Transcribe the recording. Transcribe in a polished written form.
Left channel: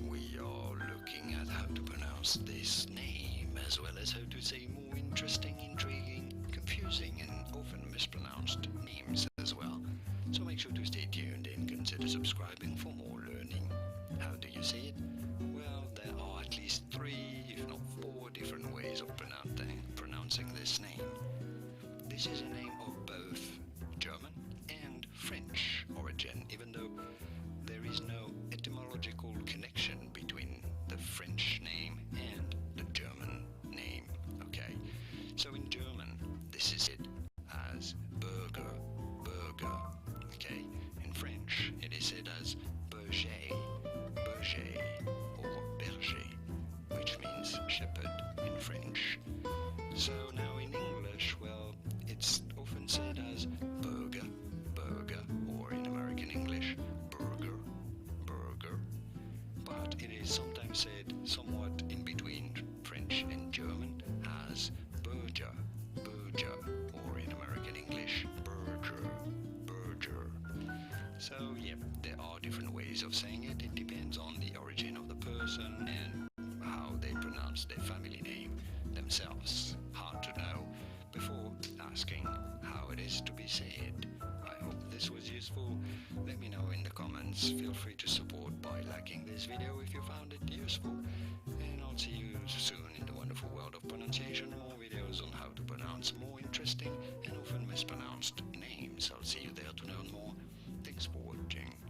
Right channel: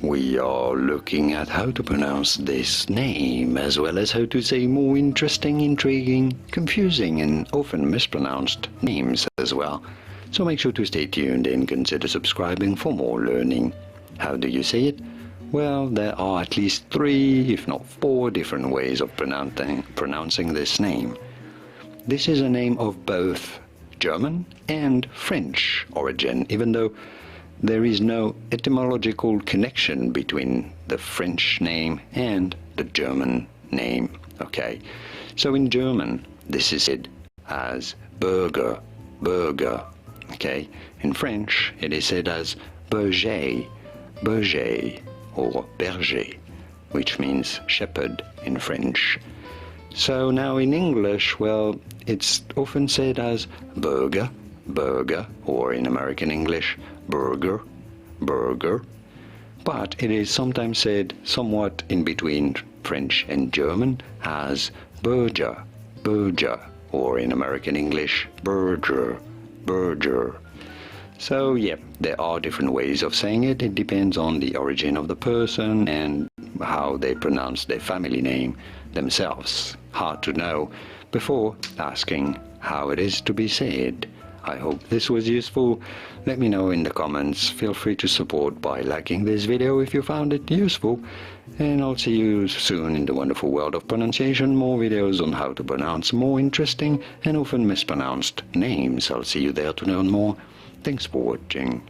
we are looking at how to pronounce this name, as well as how to say more interesting, intriguing, confusing, and often mispronounced names as well. So make sure to stay tuned and consider subscribing for more learning. How do you say it? Well, there are at least 3, if not 4, different ways of pronouncing this name. This is a name of both German and French origin, even though there is no etymological connection between the French name and the German name. Okay, so in German this is said as Berger, Berger. Okay, in French it is said as Berger, Berger, or Berger, which means shepherd in French. So now in English, well, it's often said as Berger, Berger, or in American English, Berger, Berger. But it is sometimes said somewhat in between French and German as Berger, Berger, or in American English, Berger, Berger. So yeah, there are different ways of saying it. It depends on the origin of the person and how they pronounce their family name themselves. Hard to know before asking how it is to be said. I hope this was useful. Let me know in the comments. Feel free to support by liking this video if you found it useful. And I'll see you soon in the wonderful world of pronunciation. More videos on how to pronounce more interesting and often mispronounced names. I'll see you there to learn more. Thanks for watching.